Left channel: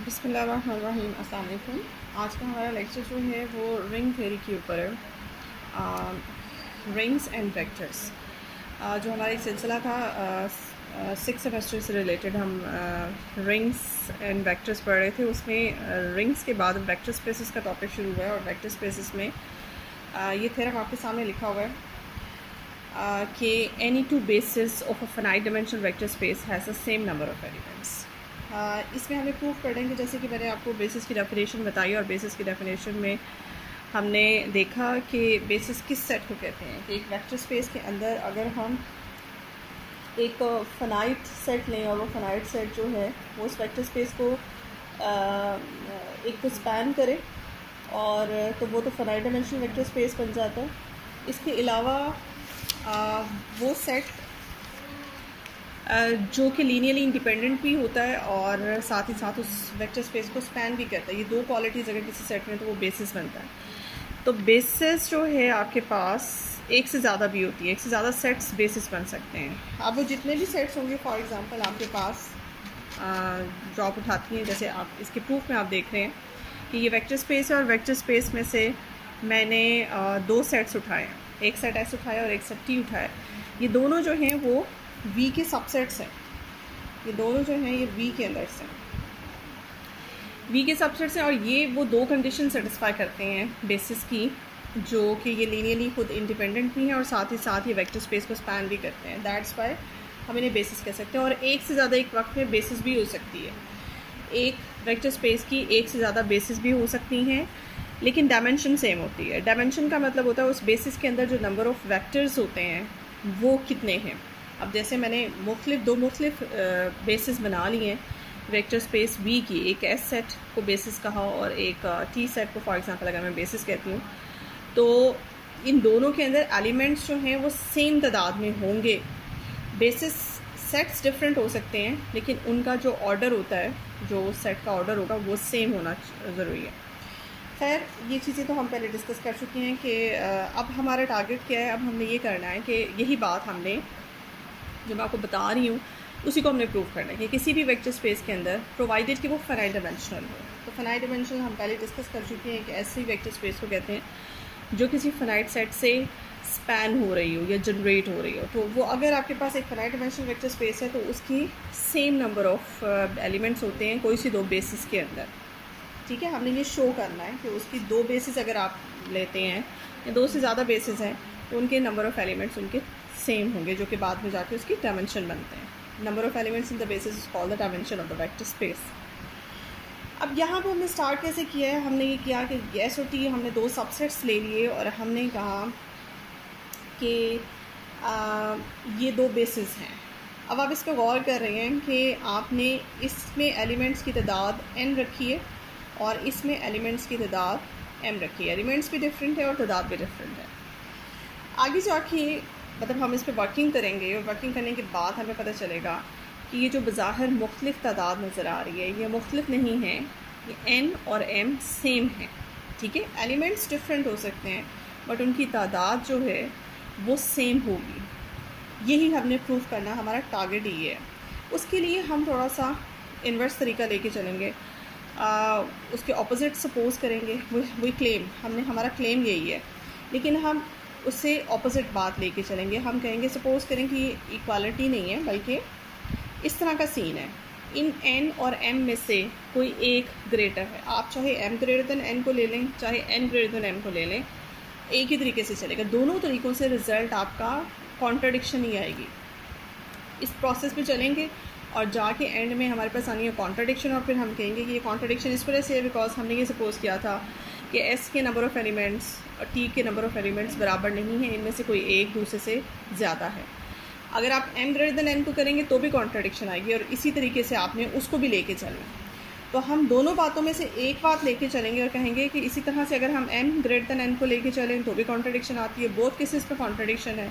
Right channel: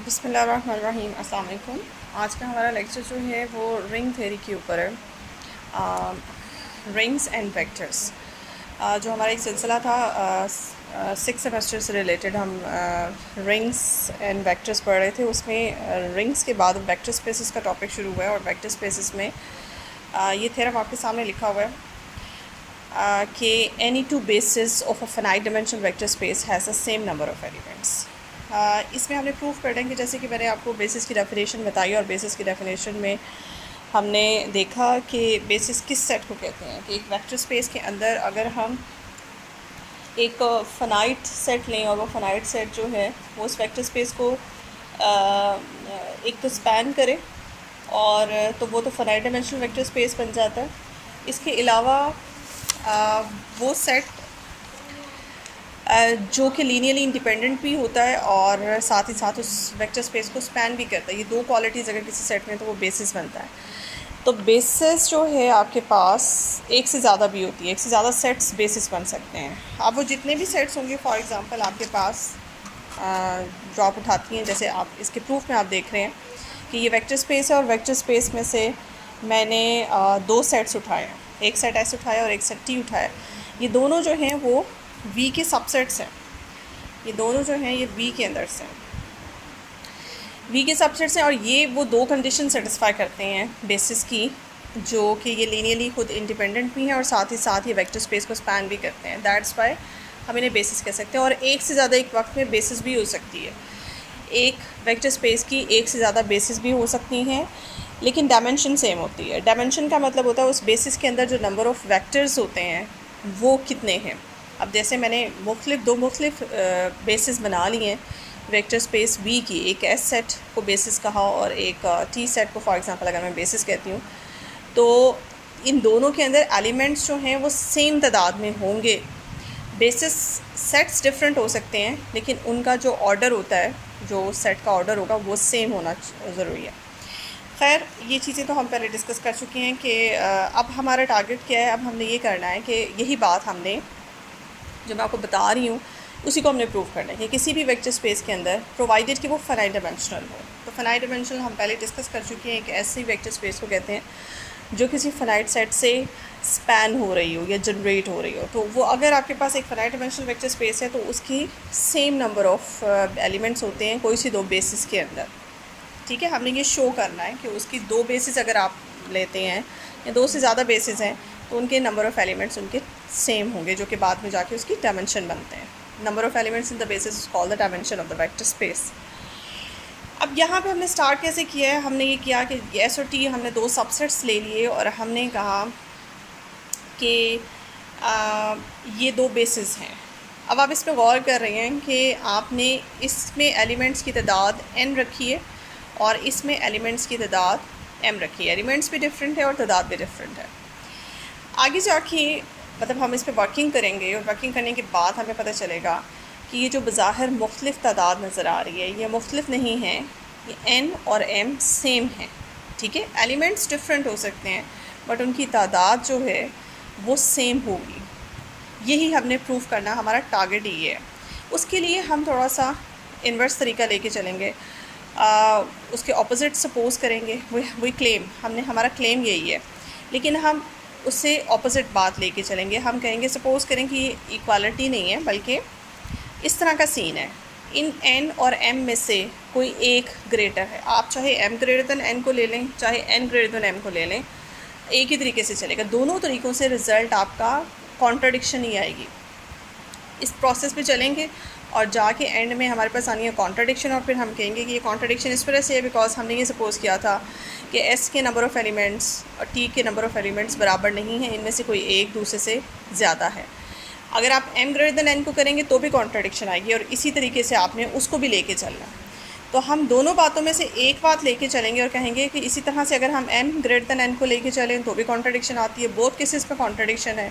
बिस्मिल्लाहिर्रहमानिर्रहीम। अस्सलाम वालेकुम। आज का हमारा लेक्चर जो है वो रिंग थ्योरी के ऊपर है, रिंग्स एंड वेक्टर्स। जो हमारा एक सिलसिला था 6 सेमेस्टर से रिलेटेड, हम रिंग्स एंड वेक्टर्स पढ़ रहे थे। उसमें रिंग्स के बाद वेक्टर स्पेसेस का टॉपिक शुरू हुआ है और वेक्टर स्पेसेस में ये थ्योरम आपके सामने लिखा हुआ है कि any two basis of a finite dimensional vector space has the same number of elements. इसमें हमने प्रूफ कर देंगे, जैसे कि मैंने आपको बेसिस की डेफिनेशन बताई, और बेसिस की डेफिनेशन में हमने देखा कि बेसिस किस सेट को कहते हैं। कि एक वेक्टर स्पेस के अंदर अगर हम एक फाइनाइट सेट लें और वो फाइनाइट सेट जो है वो उस वेक्टर स्पेस को एक तो स्पैन करे, और तो वो तो फाइनाइट डायमेंशनल वेक्टर स्पेस बन जाता है। इसके अलावा वो सेट जो कि लीनियरली इंडिपेंडेंट भी होता है और साथ ही साथ उस वेक्टर स्पेस को स्पैन भी करता है। ये दो क्वालिटीज़ अगर किसी सेट में तो वो बेसिस बनता है। तो बेसिस जो है आपके पास एक से ज़्यादा भी होती है, एक से ज़्यादा सेट्स बेसिस बन सकते हैं। अब वो जितने भी सेट्स होंगे, फॉर एग्जांपल आपके पास जो आप उठाती हैं, जैसे आप इसके प्रूफ में आप देख रहे हैं कि ये वेक्टर स्पेस है, और वेक्टर स्पेस में से मैंने दो सेट्स उठाए, एक सेट एस उठाया और एक सेट टी उठाया। ये दोनों जो हैं वो V के सबसेट्स हैं। ये दोनों जो हैं ये V के अंदर से V के सबसेट्स हैं, और ये वो दो कंडीशन सेटिस्फाई करते हैं बेसिस की, जो कि ये लीनियरली खुद इंडिपेंडेंट भी हैं और साथ ही साथ ये वेक्टर स्पेस को स्पैन भी करते हैं। दैट्स वाई हम इन्हें बेसिस कह सकते हैं। और एक से ज़्यादा एक वक्त में बेसिस भी हो सकती है। एक वेक्टर स्पेस की एक से ज़्यादा बेसिस भी हो सकती हैं, लेकिन डायमेंशन सेम होती है। डायमेंशन का मतलब होता है उस बेसिस के अंदर जो नंबर ऑफ़ वेक्टर्स होते हैं वो कितने हैं। अब जैसे मैंने दो मुख्तलिफ बेसिस बना लिए हैं वेक्टर स्पेस V की, एक S सेट को बेसिस कहा और एक T सेट को फॉर एग्जांपल अगर मैं बेसिस कहती हूँ, तो इन दोनों के अंदर एलिमेंट्स जो हैं वो सेम तादाद में होंगे। बेसिस सेट्स डिफरेंट हो सकते हैं, लेकिन उनका जो ऑर्डर होता है, जो सेट का ऑर्डर होगा वो सेम होना ज़रूरी है। खैर, ये चीज़ें तो हम पहले डिस्कस कर चुके हैं कि अब हमारा टारगेट क्या है। अब हमने ये करना है कि यही बात हमने जो मैं आपको बता रही हूँ उसी को हमने प्रूव करना है कि किसी भी वेक्टर स्पेस के अंदर, प्रोवाइडेड कि वो फाइनाइट डायमेंशनल हो। तो फाइनाइट डायमेंशनल हम पहले डिस्कस कर चुके हैं कि ऐसी वेक्टर स्पेस को कहते हैं जो किसी फाइनाइट सेट से स्पैन हो रही हो या जनरेट हो रही हो। तो वो अगर आपके पास एक फाइनाइट डायमेंशनल वेक्टर स्पेस है तो उसकी सेम नंबर ऑफ़ एलिमेंट्स होते हैं कोई सी दो बेसिस के अंदर। ठीक है, हमने ये शो करना है कि उसकी दो बेसिस अगर आप लेते हैं या दो से ज़्यादा बेसिस हैं तो उनके नंबर ऑफ़ एलिमेंट्स उनके सेम होंगे, जो कि बाद में जाके उसकी डायमेंशन बनते हैं। Number of elements in the basis is called the dimension of the vector space. अब यहाँ पे हमने स्टार्ट कैसे किया है, हमने ये किया कि S और T हमने दो सबसेट्स ले लिए और हमने कहा कि ये दो बेसिस हैं। अब आप इस पर गौर कर रहे हैं कि आपने इसमें एलिमेंट्स की तादाद n रखी है और इसमें एलिमेंट्स की तादाद m रखी है। एलिमेंट्स भी डिफरेंट है और तादाद भी डिफरेंट है। आगे जाके मतलब हम इस पर वर्किंग करेंगे और वर्किंग करने के बाद हमें पता चलेगा कि ये जो बज़ाहिर मुख्तलिफ तादाद नज़र आ रही है ये मुख्तलिफ नहीं है, ये n और m सेम है। ठीक है, एलिमेंट्स डिफरेंट हो सकते हैं बट उनकी तादाद जो है वो सेम होगी। यही हमने प्रूव करना, हमारा टारगेट ये है। उसके लिए हम थोड़ा सा इन्वर्स तरीका लेके चलेंगे, उसके ऑपोजिट सपोज करेंगे। वही क्लेम, हमारा क्लेम यही है, लेकिन हम उससे ऑपोजिट बात लेके चलेंगे। हम कहेंगे, सपोज़ करें कि इक्वालिटी नहीं है बल्कि इस तरह का सीन है, इन n और m में से कोई एक ग्रेटर है। आप चाहे m ग्रेटर दैन n को ले लें, चाहे n ग्रेटर दैन m को ले लें, एक ही तरीके से चलेगा। दोनों तरीक़ों से रिज़ल्ट आपका कॉन्ट्राडिक्शन ही आएगी। इस प्रोसेस पे चलेंगे और जाके एंड में हमारे पास आनी है कॉन्ट्राडिक्शन, और फिर हम कहेंगे कि ये कॉन्ट्राडिक्शन इस वजह से है बिकॉज हमने ये सपोज़ किया था कि S के नंबर ऑफ़ एलिमेंट्स और T के नंबर ऑफ़ एलिमेंट्स बराबर नहीं है, इनमें से कोई एक दूसरे से ज़्यादा है। अगर आप m ग्रेटर दैन n को करेंगे तो भी कॉन्ट्राडिक्शन आएगी, और इसी तरीके से आपने उसको भी लेके चलना। तो हम दोनों बातों में से एक बात लेके चलेंगे और कहेंगे कि इसी तरह से अगर हम m ग्रेटर दैन n को लेके चलें तो भी कॉन्ट्राडिक्शन आती है। बोथ केसेस पे कॉन्ट्राडिक्शन है।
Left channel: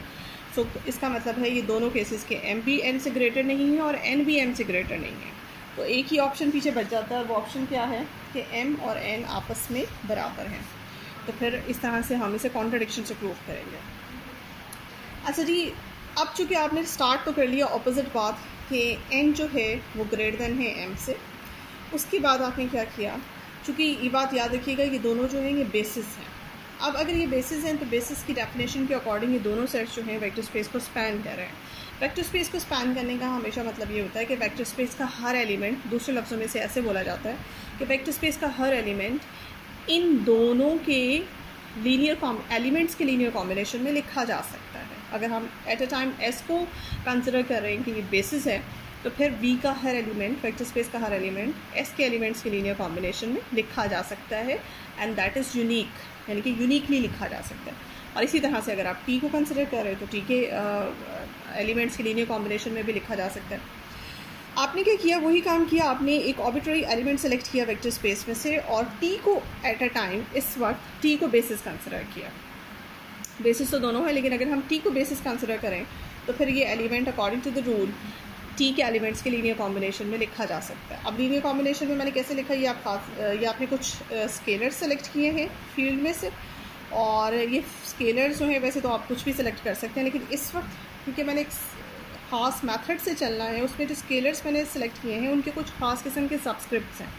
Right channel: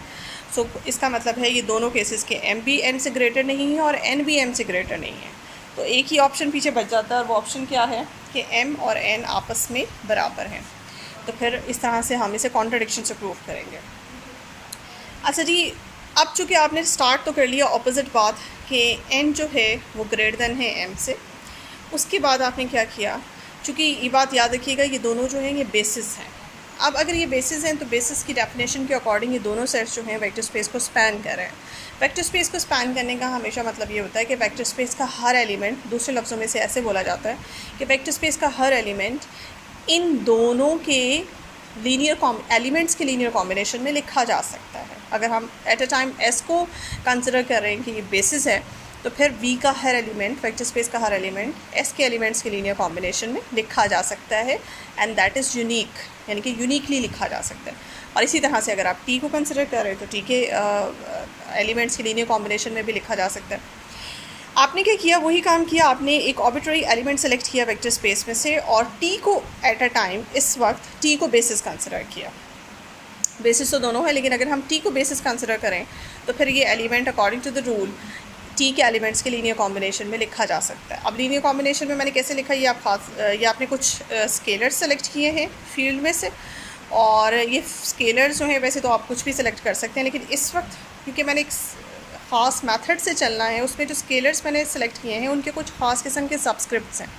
सो इसका मतलब है ये दोनों केसेस के m भी n से ग्रेटर नहीं है और n भी m से ग्रेटर नहीं है। तो एक ही ऑप्शन पीछे बच जाता है, और वो ऑप्शन क्या है कि m और n आपस में बराबर हैं। तो फिर इस तरह से हम इसे कॉन्ट्राडिक्शन से प्रूव करेंगे। अच्छा जी, अब चूँकि आपने स्टार्ट तो कर लिया ऑपोजिट बात कि n जो है वो ग्रेटर दैन है m से, उसके बाद आपने क्या किया, चूँकि ये बात याद रखिएगा ये दोनों जो हैं ये बेसिस हैं। अब अगर ये बेसिस हैं तो बेसिस की डेफिनेशन के अकॉर्डिंग ये दोनों सेट्स जो हैं वेक्टर स्पेस को स्पैन कर रहे हैं। वेक्टर स्पेस को स्पैन करने का हमेशा मतलब ये होता है कि वेक्टर स्पेस का हर एलिमेंट, दूसरे लफ्ज़ों में से ऐसे बोला जाता है कि वेक्टर स्पेस का हर एलिमेंट इन दोनों के एलिमेंट्स के लीनियर कॉम्बिनेशन में लिखा जा सकता है। अगर हम एट अ टाइम एस को कंसिडर कर रहे हैं कि ये बेसिस है, तो फिर वी का हर एलिमेंट, वेक्टर स्पेस का हर एलिमेंट एस के एलिमेंट्स के लीनियर कॉम्बिनेशन में लिखा जा सकता है, एंड दैट इज़ यूनिक, यानी कि यूनिकली लिखा जा सकता है। और इसी तरह से अगर आप टी को कंसिडर कर रहे हैं तो टी के एलिमेंट्स के लीनियर कॉम्बिनेशन में भी लिखा जा सकता है। आपने क्या किया, वही काम किया, आपने एक आर्बिट्ररी एलिमेंट सेलेक्ट किया वेक्टर स्पेस में से और टी को एट अ टाइम इस वक्त टी को बेसिस कंसिडर किया। बेसिस तो दोनों है, लेकिन अगर हम टी को बेसिस कंसिडर करें तो फिर ये element according to the rule T के एलिमेंट्स के लीनियर कॉम्बिनेशन में लिखा जा सकता है। अब लीनियर कॉम्बिनेशन में मैंने कैसे लिखा, ये आपने कुछ स्केलर्स सेलेक्ट किए हैं फील्ड में से, और ये स्केलर्स जो हैं वैसे तो आप कुछ भी सिलेक्ट कर सकते हैं, लेकिन इस वक्त क्योंकि मैंने एक ख़ास मेथड से चलना है, उसमें जो स्केलर्स मैंने सेलेक्ट किए हैं उनके कुछ ख़ास किस्म के सबस्क्रिप्ट्स हैं,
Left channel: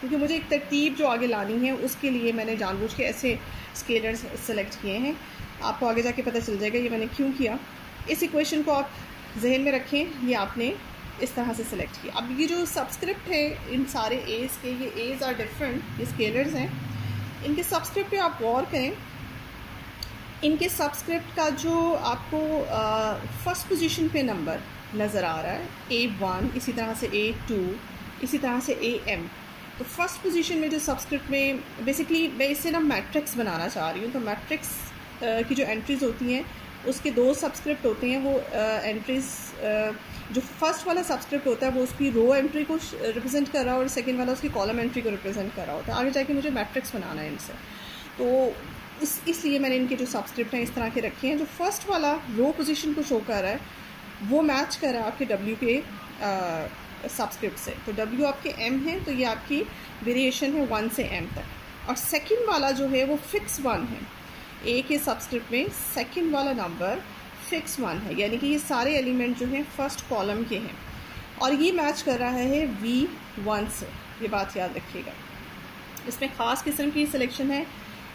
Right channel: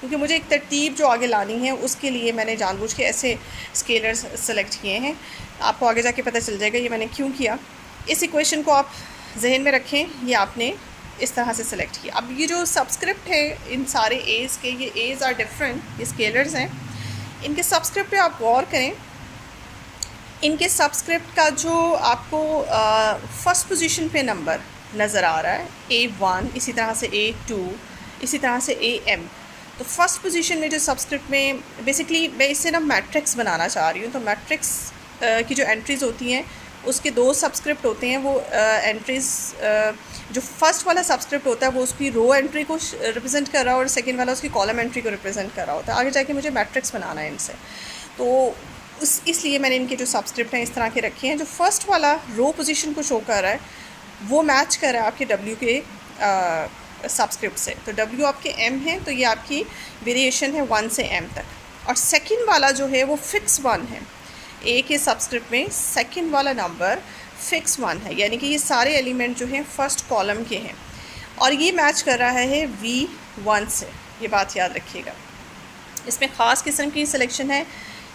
क्योंकि मुझे एक तरतीब जो आगे लानी है उसके लिए मैंने जानबूझ के ऐसे स्केलर्स सेलेक्ट किए हैं। आपको आगे जाके पता चल जाएगा ये मैंने क्यों किया। इस इक्वेशन को आप जहन में रखें, ये आपने इस तरह से सिलेक्ट किया। अब ये जो सबस्क्रिप्ट है इन सारे एज़ के, ये एज़ आर डिफरेंट, ये स्केलर्स हैं, इनके सबस्क्रिप्ट पे आप गौर करें। इनके सबस्क्रिप्ट का जो आपको फर्स्ट पोजीशन पे नंबर नज़र आ रहा है A1, इसी तरह से A2, इसी तरह से AM, तो फर्स्ट पोजीशन में जो सबस्क्रिप्ट में बेसिकली मैं इससे ना मैट्रिक्स बनाना चाह रही हूँ। तो मैट्रिक्स की जो एंट्रीज़ होती हैं उसके दो सबस्क्रिप्ट होते हैं। वो एंट्रीज़ जो फर्स्ट वाला सबस्क्रिप्ट होता है वो उसकी रो एंट्री को रिप्रेजेंट कर रहा है और सेकंड वाला उसकी कॉलम एंट्री को रिप्रेजेंट कर रहा होता है। आगे जाके मुझे मैट्रिक्स बनाना है इनसे, तो इसलिए मैंने इनके जो सबस्क्रिप्ट हैं इस तरह के रखे हैं। जो फर्स्ट वाला रो पोजीशन को शो कर रहा है वो मैच कर रहा है आपके W के सबस्क्रिप्ट से। तो W आपके M है, तो ये आपकी वेरिएशन है 1 से M तक, और सेकंड वाला जो है वो फिक्स 1 है। A के सबस्क्रिप्ट में सेकंड वाला नंबर फिक्स 1 है, यानी कि ये सारे एलिमेंट जो हैं फर्स्ट कॉलम के हैं, और ये मैच कर रहा है V1 से। ये बात याद रखिएगा। इसमें ख़ास किस्म की सिलेक्शन है।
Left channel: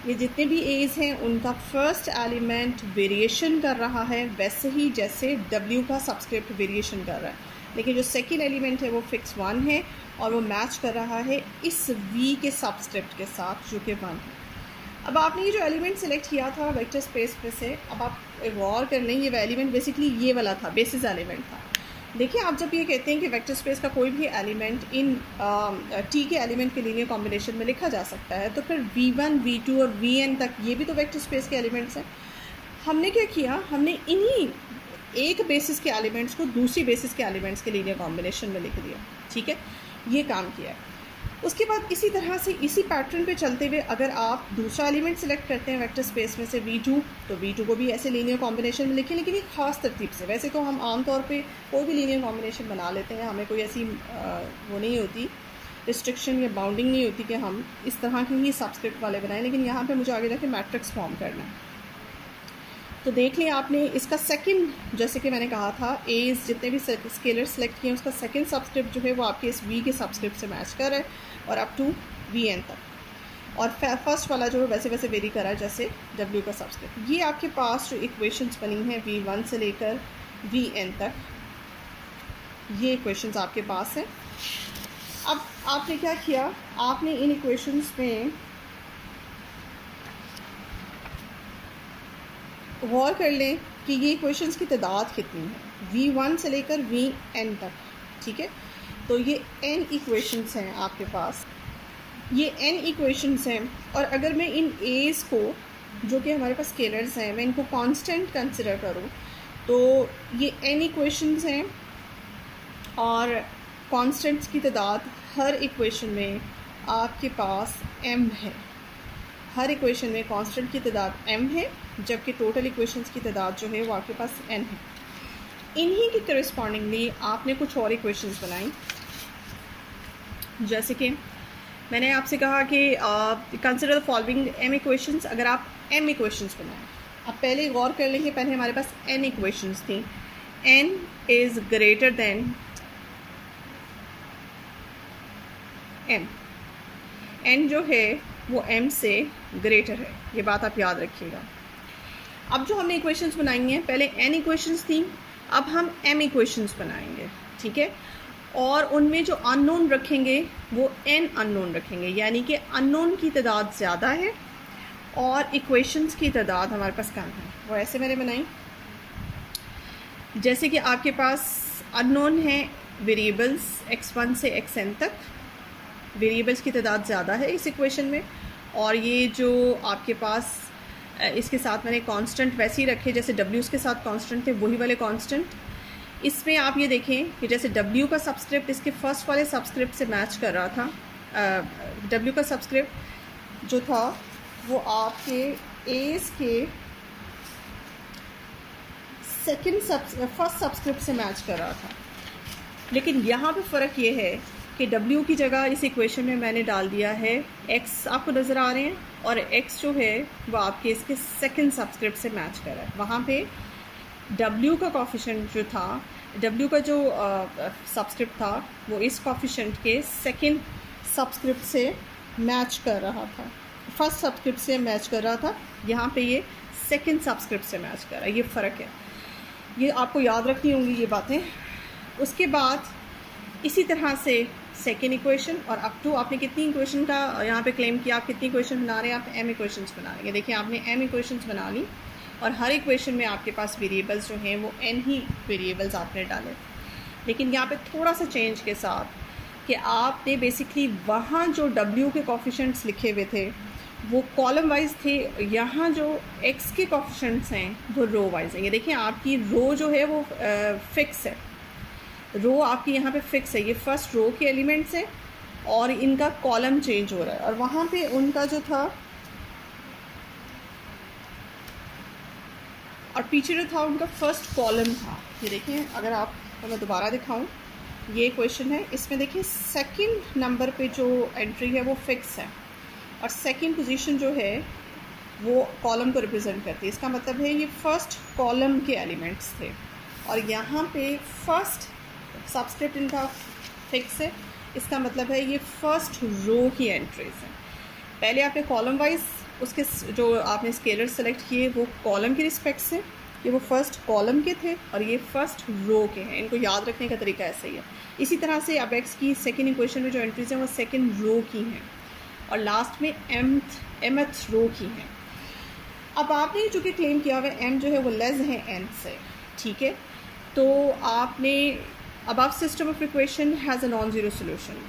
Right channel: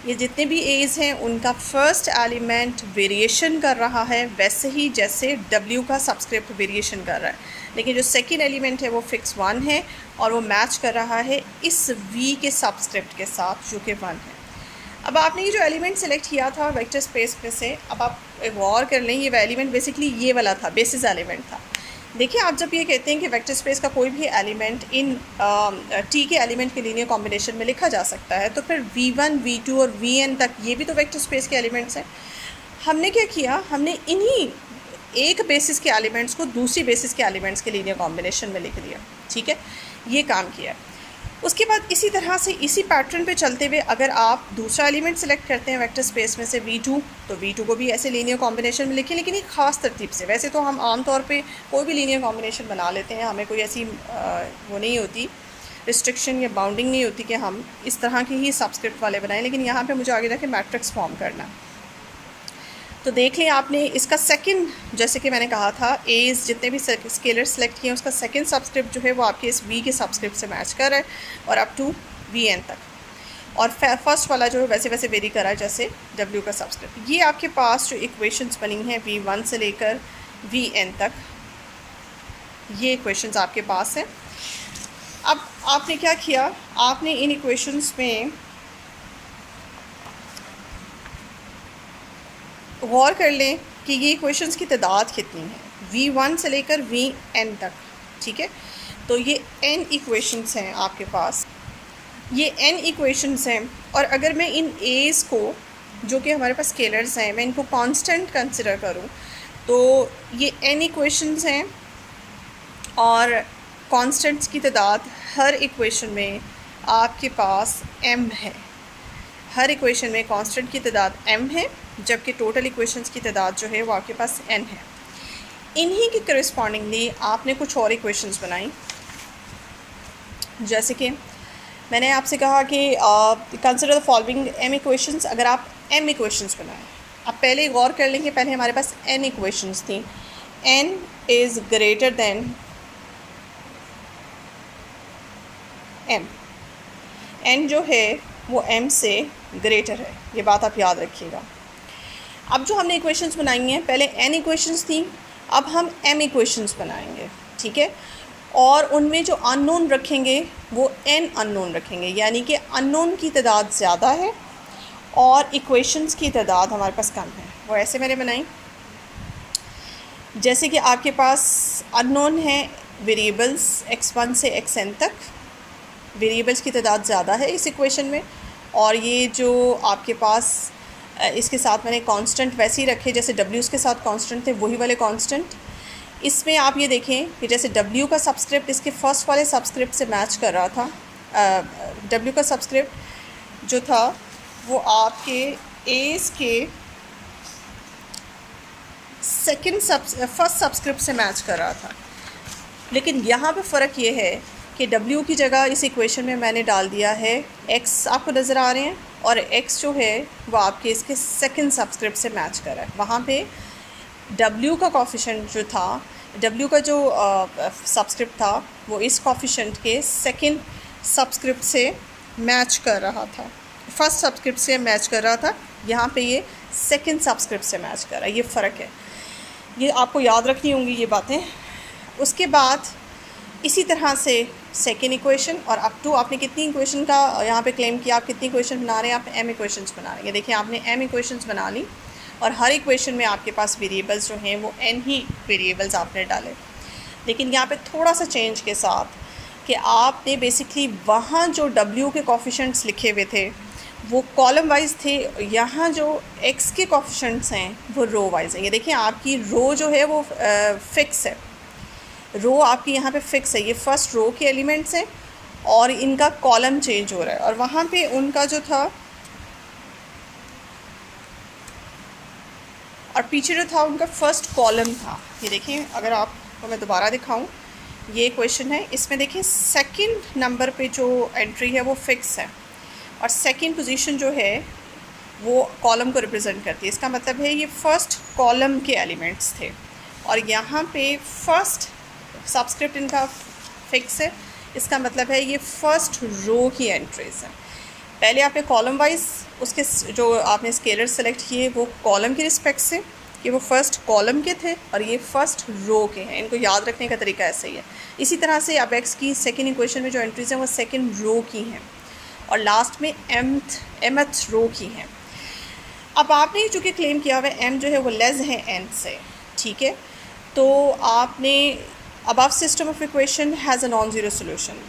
ये जितने भी एज़ हैं उनका फर्स्ट एलिमेंट वेरिएशन कर रहा है वैसे ही जैसे W का सबस्क्रिप्ट वेरिएशन कर रहा है, लेकिन जो सेकंड एलिमेंट है वो फिक्स 1 है और वो मैच कर रहा है इस V के सबस्क्रिप्ट के साथ जो कि 1 है। अब आपने ये जो एलिमेंट सेलेक्ट किया था वेक्टर स्पेस में से, अब आप गौर कर लें, ये एलिमेंट बेसिकली ये वाला था, बेसिस एलिमेंट था। देखिए, आप जब ये कहते हैं कि वेक्टर स्पेस का कोई भी एलिमेंट इन टी के एलिमेंट के लीनियर कॉम्बिनेशन में लिखा जा सकता है, तो फिर V1, V2 और Vn तक ये भी तो वेक्टर स्पेस के एलिमेंट्स हैं। हमने क्या किया, हमने इन्हीं एक बेसिस के एलिमेंट्स को दूसरी बेसिस के एलिमेंट्स के लीनियर कॉम्बिनेशन में लिख दिया। ठीक है, ये काम किया। उसके बाद इसी तरह से इसी पैटर्न पे चलते हुए अगर आप दूसरा एलिमेंट सेलेक्ट करते हैं वेक्टर स्पेस में से V2, तो V2 को भी ऐसे लीनियर कॉम्बिनेशन में लिखें, लेकिन एक ख़ास तरतीब से। वैसे तो हम आम तौर पे कोई भी लीनियर कॉम्बिनेशन बना लेते हैं, हमें कोई ऐसी वो नहीं होती, रिस्ट्रिक्शन या बाउंडिंग नहीं होती कि हम इस तरह के ही सबस्क्रिप्ट वाले बनाएं, लेकिन यहाँ पर मुझे आगे जाके मैट्रिक्स फॉर्म करना। तो देख लें आपने इसका सेकंड, जैसे कि मैंने कहा था, एज जितने भी स्केलर सेलेक्ट किए हैं उसका सेकंड सबस्क्रिप्ट जो है वो आपके इस V के सबस्क्रिप्ट से मैच कर रहा है और अप टू Vn तक, और फर्स्ट वाला जो है वैसे वैसे वेरी कर रहा है जैसे W का सबस्क्रिप्ट। ये आपके पास जो इक्वेशंस बनी हैं V1 से लेकर Vn तक, ये इक्वेशंस आपके पास हैं। अब आपने क्या किया, आपने इन इक्वेशंस में गौर कर लें कि ये इक्वेशंस की तादाद कितनी है V1 से लेकर Vn तक। ठीक है, तो ये n इक्वेशंस हैं आपके पास, ये n इक्वेशंस हैं, और अगर मैं इन a's को जो कि हमारे पास स्केलर्स हैं मैं इनको कांस्टेंट कंसिडर करूं तो ये n इक्वेशंस हैं, और कांस्टेंट्स की तादाद हर इक्वेशन में आपके पास m है। हर इक्वेशन में कांस्टेंट की तादाद m है, जबकि टोटल इक्वेशंस की तादाद जो है वो आपके पास n है। इन्हीं के करस्पॉन्डिंगली आपने कुछ और इक्वेशंस बनाई, जैसे कि मैंने आपसे कहा कि consider the following m equations. अगर आप m इक्वेशंस बनाएं, अब पहले गौर कर लेंगे, पहले हमारे पास n इक्वेशंस थी। n is greater than m, n जो है वो m से ग्रेटर है, ये बात आप याद रखिएगा। अब जो हमने इक्वेशंस बनाई हैं, पहले n इक्वेशंस थी, अब हम m इक्वेशंस बनाएंगे, ठीक है। और उनमें जो अननोन रखेंगे वो n अननोन रखेंगे, यानी कि अननोन की तादाद ज़्यादा है और इक्वेशंस की तादाद हमारे पास कम है। वो ऐसे मैंने बनाई, जैसे कि आपके पास अननोन है वेरिएबल्स x1 से xn तक, वेरिएबल्स की तादाद ज़्यादा है इस इक्वेशन में, और ये जो आपके पास इसके साथ मैंने कांस्टेंट वैसे ही रखे जैसे W के साथ कांस्टेंट थे, वही वाले कांस्टेंट। इसमें आप ये देखें कि जैसे W का सबस्क्रिप्ट इसके फर्स्ट वाले सबस्क्रिप्ट से मैच कर रहा था, W का सबस्क्रिप्ट जो था वो आपके एस के फर्स्ट सबस्क्रिप्ट से मैच कर रहा था। लेकिन यहाँ पे फ़र्क ये है कि W की जगह इस इक्वेशन में मैंने डाल दिया है X, आपको नज़र आ रहे हैं, और X जो है वो आपके इसके सेकंड सबस्क्रिप्ट से मैच कर रहा है। वहाँ पे W का कॉफिशेंट जो था, W का जो सबस्क्रिप्ट था वो इस कॉफिशेंट के सेकंड सबस्क्रिप्ट से मैच कर रहा था, फर्स्ट सबस्क्रिप्ट से मैच कर रहा था, यहाँ पे ये सेकंड सबस्क्रिप्ट से मैच कर रहा है। ये फ़र्क है, ये आपको याद रखनी होंगी ये बातें। उसके बाद इसी तरह से सेकेंड इक्वेशन, और अप टू आपने कितनी इक्वेशन का यहाँ पे क्लेम किया, आप कितनी इक्वेशन बना रहे हैं, आप m इक्वेशंस बना रहे हैं। देखिए आपने m इक्वेशंस बना ली और हर इक्वेशन में आपके पास वेरिएबल्स जो हैं वो n ही वेरिएबल्स आपने डाले। लेकिन यहाँ पे थोड़ा सा चेंज के साथ कि आपने बेसिकली वहाँ जो w के कॉफिशेंट्स लिखे हुए थे वो कॉलम वाइज थे, यहाँ जो x के कॉफिशेंट्स हैं वो रो वाइज हैं। ये देखिए आपकी रो जो है वो फिक्स है, रो आपकी यहाँ पे फिक्स है, ये फर्स्ट रो के एलिमेंट्स हैं और इनका कॉलम चेंज हो रहा है। और वहाँ पे उनका जो था और पीछे जो था उनका फर्स्ट कॉलम था। ये देखिए अगर आपको मैं दोबारा दिखाऊं, ये क्वेश्चन है, इसमें देखिए सेकंड नंबर पे जो एंट्री है वो फिक्स है और सेकंड पोजीशन जो है वो कॉलम को रिप्रेजेंट करती है। इसका मतलब है ये फर्स्ट कॉलम के एलिमेंट्स थे और यहाँ पे फर्स्ट सबस्क्रिप्ट इनका फिक्स है। इसका मतलब है ये फर्स्ट रो की एंट्रीज है। पहले आपने कॉलम वाइज उसके जो आपने स्केलर सेलेक्ट किए वो कॉलम के रिस्पेक्ट से, कि वो फर्स्ट कॉलम के थे और ये फर्स्ट रो के हैं। इनको याद रखने का तरीका ऐसा ही है। इसी तरह से अब एक्स की सेकेंड इक्वेशन में जो एंट्रीज हैं वो सेकेंड रो की हैं और लास्ट में एमथ रो की हैं। अब आपने चूँकि क्लेम किया हुआ एम जो है वो लेस है एन से, ठीक है, तो आपने above system of equation has a non zero solution.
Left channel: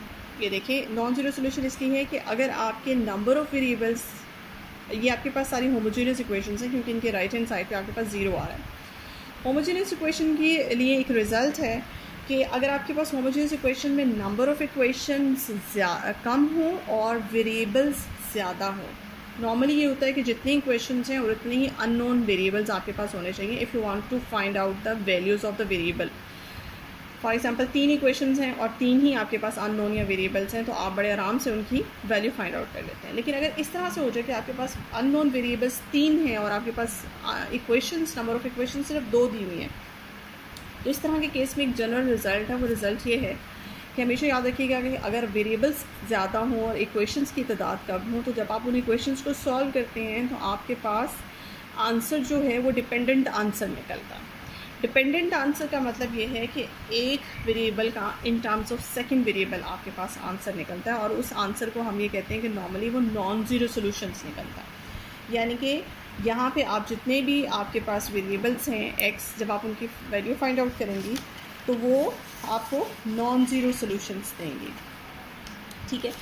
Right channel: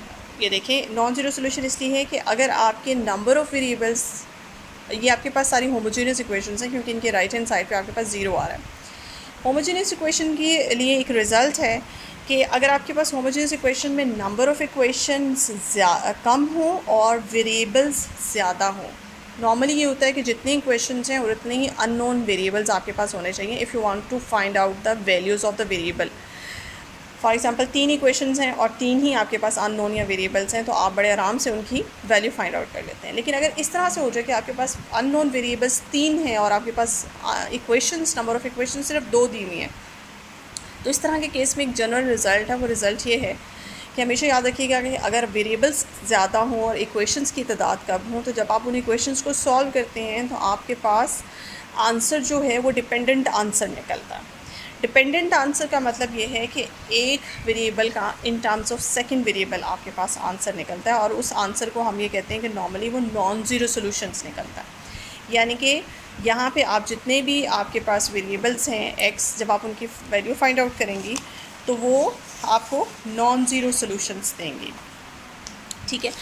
ये देखिए नॉन ज़ीरो सोल्यूशन इसलिए है कि अगर आपके नंबर ऑफ़ वेरिएबल्स, ये आपके पास सारी होमोजेनियस इक्वेशंस हैं क्योंकि इनके राइट हैंड साइड पे आपके पास ज़ीरो आ रहा है। होमोजेनियस इक्वेशन के लिए एक रिज़ल्ट है कि अगर आपके पास होमोजेनियस इक्वेशन में नंबर ऑफ़ इक्वेशंस कम हो और वेरिएबल्स ज़्यादा हो, नॉर्मली ये होता है कि जितने इक्वेशंस हैं और उतने ही अननोन वेरिएबल्स आपके पास होने चाहिए if you want to find out the values of the variable. For example 3 equations हैं और 3 ही आपके पास अननोन या वेरिएबल्स हैं, तो आप बड़े आराम से उनकी वैल्यू फाइंड आउट कर लेते हैं। लेकिन अगर इस तरह से हो जाए कि आपके पास अननोन वेरिएबल्स 3 हैं और आपके पास इक्वेशंस, नंबर ऑफ़ इक्वेशंस सिर्फ 2 दी हुई हैं, तो इस तरह के केस में एक जनरल रिज़ल्ट है। वो रिज़ल्ट ये है कि हमेशा याद रखिएगा कि अगर वेरिएबल्स ज़्यादा हों और इक्वेशंस की तादाद कम हो, तो जब आप उन इक्वेशंस को सॉल्व करते हैं तो आपके पास आंसर जो है वो डिपेंडेंट आंसर निकलता है। डिपेंडेंट आंसर का मतलब ये है कि एक वेरिएबल का in terms of second variable आपके पास आंसर निकलता है और उस आंसर को हम ये कहते हैं कि नॉर्मली वो नॉन ज़ीरो सोल्यूशंस निकलता है। यानी कि यहाँ पे आप जितने भी आपके पास वेरिएबल्स हैं एक्स, जब आप उनकी वैल्यू फाइंड आउट करेंगी तो वो आपको नॉन ज़ीरो सोल्यूशंस देंगी, ठीक है।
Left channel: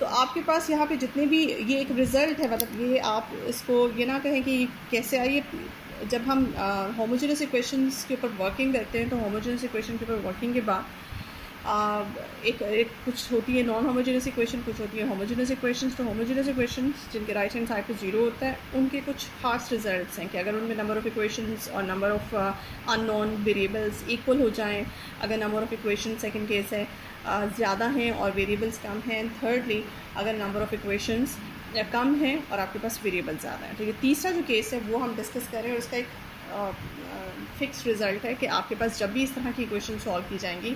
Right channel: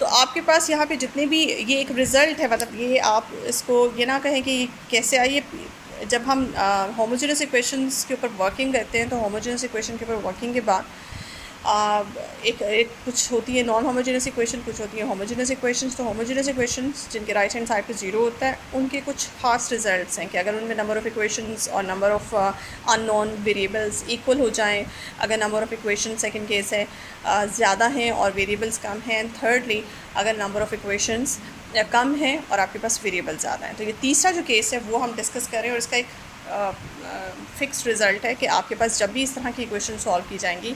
तो आपके पास यहाँ पे जितने भी, ये एक रिज़ल्ट है, मतलब ये आप इसको ये ना कहें कि कैसे आई। जब हम होमोजेनियस इक्वेशंस के ऊपर वर्किंग करते हैं तो होमोजेनियस इक्वेशन के ऊपर वर्किंग के बाद एक कुछ होती है नॉन होमोजेनियस इक्वेशन, कुछ होती है होमोजेनियस इक्वेशंस। तो होमोजेनियस इक्वेशंस जिनके राइट हैंड साइड पे ज़ीरो होता है उनके कुछ खास रिजल्ट्स हैं कि अगर उनमें नंबर ऑफ़ इक्वेशंस और number of unknown variables equal हो जाएं, अगर number of equation second case है ज़्यादा हैं और वेरिएबल्स कम हैं, एंड थर्डली अगर नंबर ऑफ़ इक्वेशंस कम है और आपके पास वेरिएबल ज़्यादा है। तो ये तीसरा जो केस है वो हम डिस्कस करें और इसका एक फिक्स रिज़ल्ट है कि आपके पास जब भी इस तरह की इक्वेशन सॉल्व की जाएंगी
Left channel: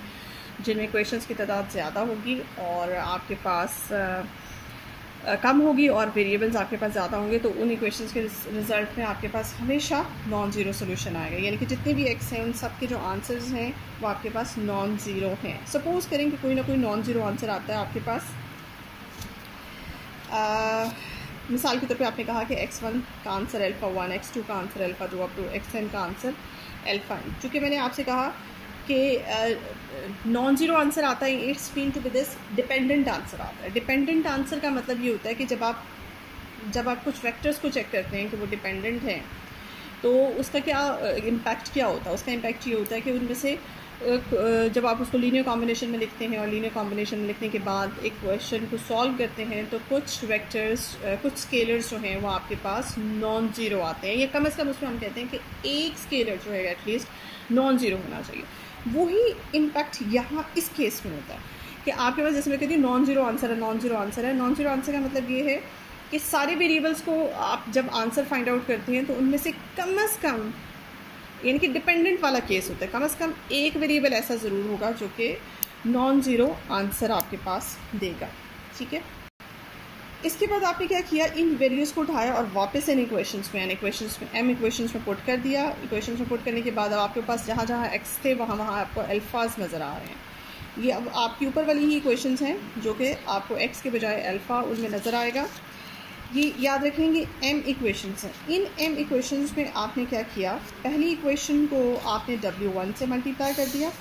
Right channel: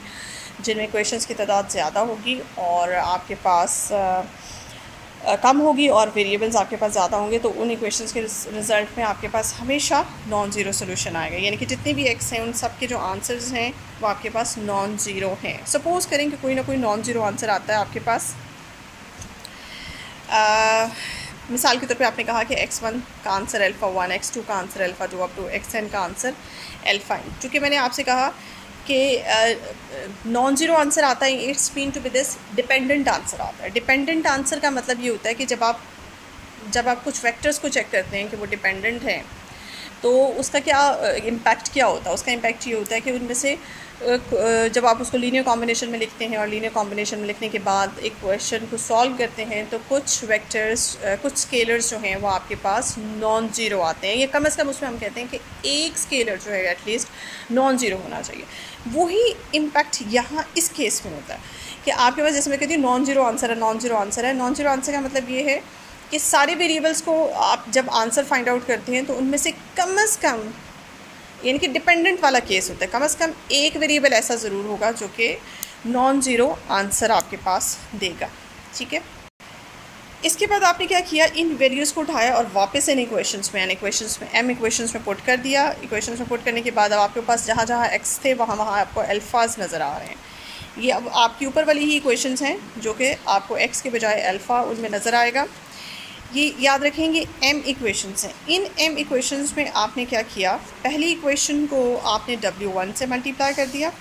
जिनमें क्वेश्चंस की तादाद ज़्यादा होगी और आपके पास कम होगी और वेरिएबल्स आपके पास ज़्यादा होंगे, तो उन इक्वेशंस के रिज़ल्ट में आपके पास हमेशा नॉन ज़ीरो सोल्यूशन आएगा। यानी कि जितने भी एक्स हैं उन सब के जो आंसर्स हैं वो आपके पास नॉन ज़ीरो हैं। सपोज़ करें कि कोई ना कोई नॉन ज़ीरो आंसर आता है आपके पास। मिसाल के तौर पे आपने कहा कि x1 का आंसर अल्फ़ा 1, x2 का answer alpha 2 up to xn का आंसर अल्फ़ा n। चूँकि मैंने आपसे कहा कि नॉन ज़ीरो आंसर आता है, it's mean to be this dependent answer आता है। डिपेंडेंट आंसर का मतलब ये होता है कि जब आप कुछ वेक्टर्स को चेक करते हैं कि वो डिपेंडेंट हैं, तो उसका क्या इम्पैक्ट क्या होता है। उसका इम्पैक्ट ये होता है कि उनमें से जब आप उसको लीनियर कॉम्बिनेशन में लिखते हैं और लीनियर कॉम्बिनेशन में लिखने के बाद एक क्वेश्चन को सॉल्व करते हैं, तो कुछ वेक्टर्स कुछ स्केलर्स जो हैं वो आपके पास नॉन ज़ीरो आते हैं। ये कम से कम उसमें हम कहते हैं कि एक स्केलर जो है एटलीस्ट नॉन ज़ीरो होना चाहिए। वही इम्पैक्ट यहाँ इस केस में होता है कि आपके पास, जैसे मैं कहती हूँ नॉन ज़ीरो आंसर है, नॉन ज़ीरो आंसर है। नॉन ज़ीरो आंसर का मतलब ये है कि सारे वेरिएबल्स को आप जब आंसर फाइंड आउट करते हैं तो उनमें से कम यानी कि डिपेंडेंट वाला केस होता है, कम से कम एक वेरिएबल ऐसा ज़रूर होगा जो कि नॉन ज़ीरो आंसर आपके पास देगा। ठीक है, इसके बाद आपने क्या किया, इन वैल्यूज़ को उठाया और वापस इन इक्वेशंस में एम इक्वेशंस में पुट कर दिया। इक्वेशंस में पुट करने के बाद अब आपके पास जहाँ जहाँ एक्स थे वहाँ आपको अल्फ़ाज नज़र आ रहे हैं। ये अब आपकी ऊपर वाली ही इक्वेशंस हैं जो कि आपको एक्स के बजाय अल्फ़ा उनमें नज़र आएगा। ये याद रखेंगे एम इक्वेशंस हैं। इन एम इक्वेशंस में आपने क्या किया, पहली इक्वेशन को आपने W1 से मल्टीप्लाई कर दिया।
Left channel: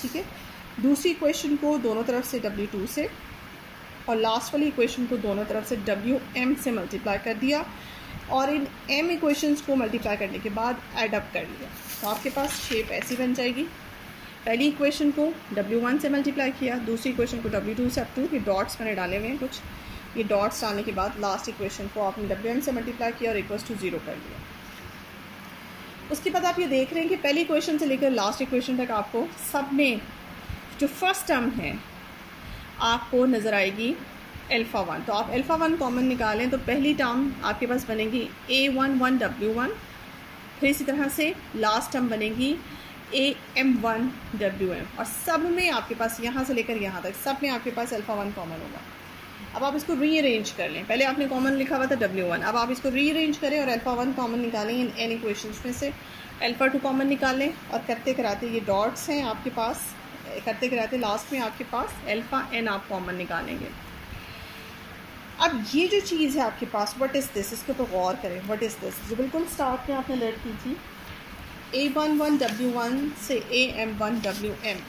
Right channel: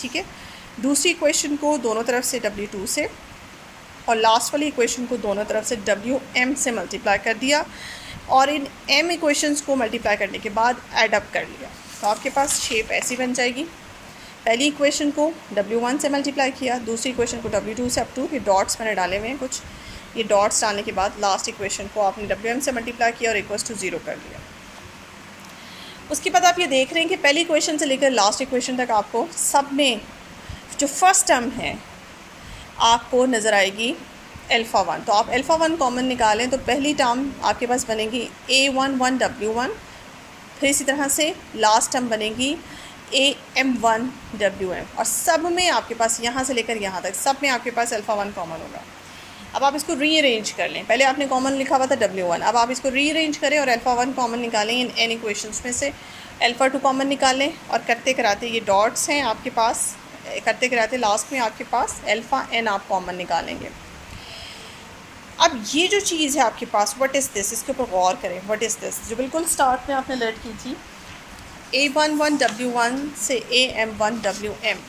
ठीक है, दूसरी इक्वेशन को दोनों तरफ से W2 से, और लास्ट वाली इक्वेशन को दोनों तरफ से WM से मल्टीप्लाई कर दिया। और इन एम इक्वेशंस को मल्टीप्लाई करने के बाद ऐड अप कर लिया, तो आपके पास शेप ऐसी बन जाएगी। पहली इक्वेशन को W1 से मल्टीप्लाई किया, दूसरी इक्वेशन को W2 से, अप टू ये डॉट्स मैंने डाले हुए हैं कुछ, ये डॉट्स डालने के बाद लास्ट इक्वेशन को आपने WM से मल्टीप्लाई किया और इक्वल्स टू 0 कर दिया। उसके बाद आप ये देख रहे हैं कि पहली इक्वेशन से लेकर लास्ट इक्वेशन तक आपको सब में जो फर्स्ट टर्म है आपको नज़र आएगी अल्फ़ा 1। तो आप अल्फ़ा 1 कॉमन निकालें तो पहली टर्म आपके पास बनेगी A11 W1, फिर इसी तरह से लास्ट टर्म बनेगी AM1 WM, और सब में आपके पास यहाँ से लेकर यहाँ तक सब में आपके पास अल्फ़ा 1 कॉमन होगा। अब आप इसको रीअरेंज कर लें, पहले आपने कॉमन लिखा हुआ था W1, अब आप इसको रीअरेंज करें और अल्फ़ा 1 कॉमन निकालें इन एन इक्वेशंस में से, अल्फ़ा 2 कॉमन निकालें और करते कराते ये डॉट्स हैं आपके पास, करते कराते लास्ट में आपके पास अल्फ़ा n आप कॉमन निकालेंगे। अब ये जो चीज़ है आपके पास, व्हाट इज़ दिस, इसके ऊपर गौर करें। व्हाट इज़ दिस जो बिल्कुल स्टार्ट में आपने लर्न की थी, A11 W1 से AM1 WM,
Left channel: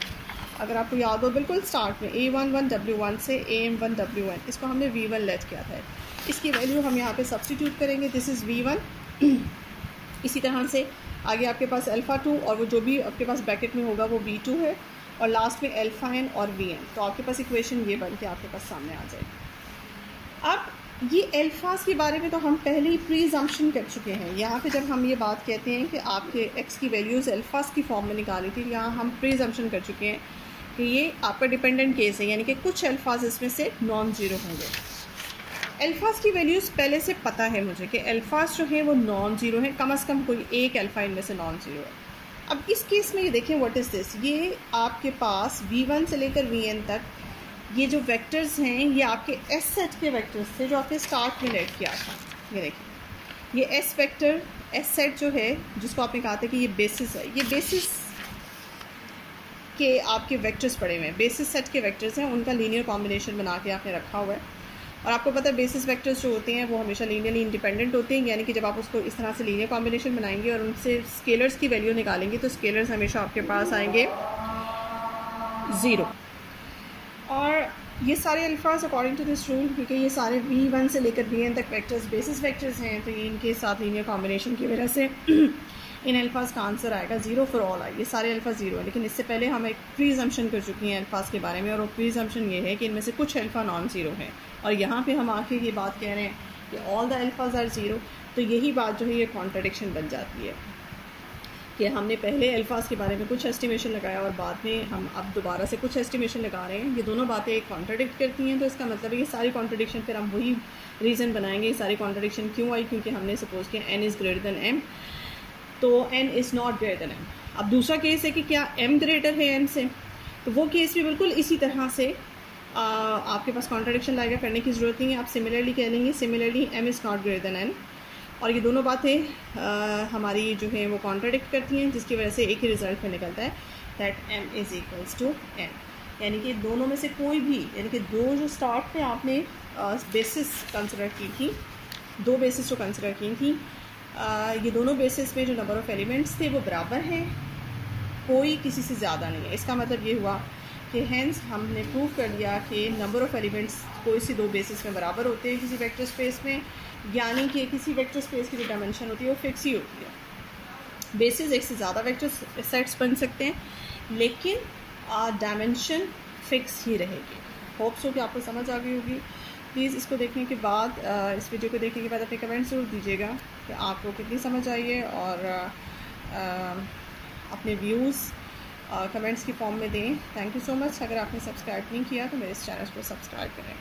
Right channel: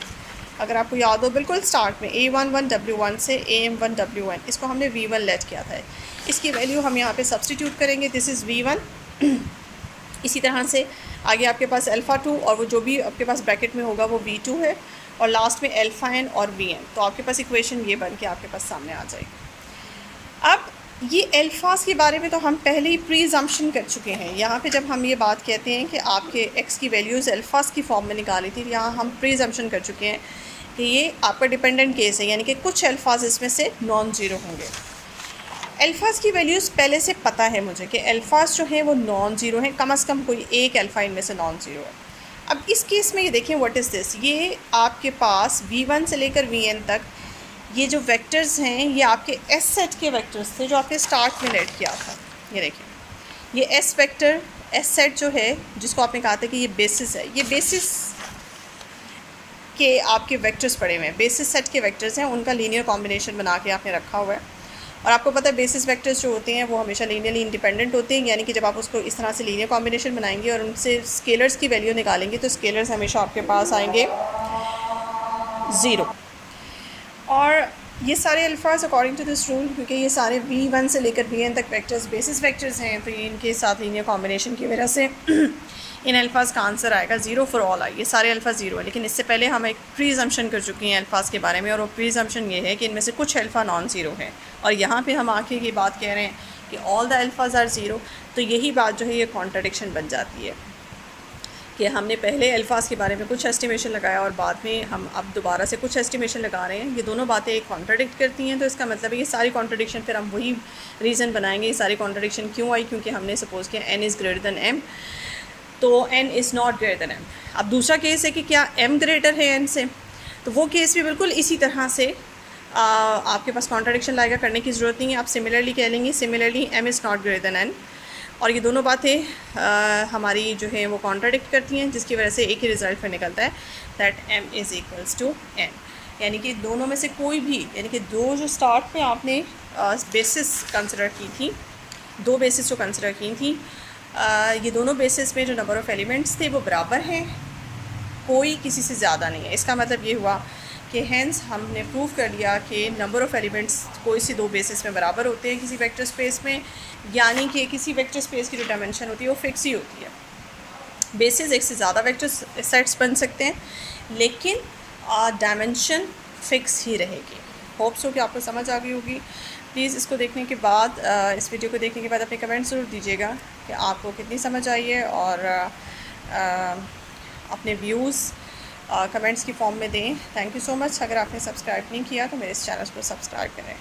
अगर आपको याद हो बिल्कुल स्टार्ट में A11 W1 से AM1 WN, इसको हमने V1 लेट किया था। इसकी वैल्यू हम यहाँ पे सब्सटीट्यूट करेंगे, दिस इज़ V1। इसी तरह से आगे आपके पास अल्फ़ा 2 और वो जो भी आपके पास ब्रैकेट में होगा वो V2 है, और लास्ट में अल्फ़ा n और Vn। तो आपके पास इक्वेशन ये बन के आपके पास सामने आ जाएगी। अब ये अल्फ़ाज के बारे में तो हम पहले ही प्रीजम्पशन कर चुके हैं। यहाँ पे जब हम ये बात कहते हैं कि आपके एक्स की वैल्यूज़ अल्फ़ाज की फॉर्म में निकाली थी, यहाँ हम प्रीजम्पशन कर चुके हैं कि ये आपका डिपेंडेंट केस है, यानी कि कुछ अल्फ़ाज इसमें से नॉन ज़ीरो होंगे। अल्फ़ाज की वैल्यूज़ पहले से पता है मुझे कि अल्फ़ाज जो हैं वो नॉन ज़ीरो हैं, कम से कम कोई एक अल्फ़ा इनमें से नॉन ज़ीरो है। अब इस केस में ये देखें, व्हाट इज़ दिस, ये आपके पास V1 से लेकर Vn तक ये जो वेक्टर्स हैं ये आपके एस सेट के वेक्टर्स थे जो आपने स्टार्ट में लेट किया था। ये देखिए, ये एस वेक्टर एस सेट जो है जिसको आपने कहा था कि ये बेसिस है, ये बेसिस के आपके वेक्टर्स पड़े हुए हैं, बेसिस सेट के वेक्टर्स हैं, उनका लीनियर कॉम्बिनेशन बना के आपने रखा हुआ है। और आपको पता है बेसिस वेक्टर्स जो होते हैं वो हमेशा लीनियरली इंडिपेंडेंट होते हैं, यानी कि जब आप उसको इस तरह से लीनियर कॉम्बिनेशन बनाएंगे और उनसे स्केलर्स की वैल्यू निकालेंगे तो स्केलर्स हमेशा आपके पास आएंगे 0। और ये सारे अल्फाज अकॉर्डिंग टू दिस रूल, क्योंकि ये सारे V1 से लेकर Vn तक वेक्टर्स बेसिस वेक्टर्स हैं, तो ये इनके साथ लीनियर कॉम्बिनेशन की वजह से इन अल्फाज का आंसर आएगा 0 फॉर ऑल आई। ये सारे अल्फा 0 है, लेकिन इससे पहले हम एक प्रीजम्पशन कर चुके हैं अल्फाज के बारे में, और वो प्रीजम्पशन ये है कि इनमें से कुछ अल्फ़ा नॉन ज़ीरो है। और यहाँ पे हम आके ये बात कह रहे हैं कि ऑल द अल्फाज आर 0, तो यही बात जो है ये कॉन्ट्रडिक्शन बन जाती है कि हमने पहले अल्फाज के बारे में कुछ एस्टिमेशन लगाया और बाद में हम अब दोबारा से कुछ एस्टिमेशन लगा रहे हैं। ये दोनों बातें एक कॉन्ट्रडिक्ट करती हैं, तो इसका मतलब है ये सारी कॉन्ट्रडिक्शन फिर हम वही रीज़न बनाएंगे ये सारी कॉन्ट्रडिक्शन क्यों आई, क्योंकि हमने सपोज़ किया n is greater than m, तो n is not greater than m। अब दूसरा केस है कि क्या m ग्रेटर है n से, तो वो केस भी बिल्कुल इसी तरह से आपके पास कॉन्ट्राडिक्शन लाएगा, करने की ज़रूरत नहीं है। आप सिमिलरली कह लेंगे, similarly m is not greater than n, और ये दोनों बातें हमारी जो है वो कॉन्ट्राडिक्ट करती हैं, जिसकी वजह से एक ही रिज़ल्ट पर निकलता है that m is equals to n। यानी कि दोनों में से कोई भी, यानी कि दो जो स्टार्ट में आपने बेसिस कंसिडर की थी, दो बेसिस जो कंसिडर की थी, ये दोनों बेसिस में जो नंबर ऑफ़ एलिमेंट्स थे वो बराबर हैं, कोई किसी से ज़्यादा नहीं है। इसका मतलब ये हुआ कि हैंस हमने प्रूव कर लिया कि नंबर ऑफ़ एलिमेंट्स कोई सी दो बेसिस में बराबर होते हैं किसी वेक्टर स्पेस में, यानी कि किसी वेक्टर स्पेस की जो डायमेंशन होती है वो फिक्स ही होती है। बेसिस एक से ज़्यादा वेक्टर सेट्स बन सकते हैं, लेकिन डायमेंशन फिक्स ही रहेगी। होप्स हो कि आपको समझ आ गई होगी। प्लीज़ इसको देखने के बाद, इस वीडियो को देखने के बाद अपने कमेंट्स ज़रूर दीजिएगा कि आपको कितनी समझ आई है, और अपने व्यूज़ कमेंट्स की फॉर्म में दें। Thank you so much. अगर आपने सब्सक्राइब नहीं किया तो मेरे इस चैनल को सब्सक्राइब करें।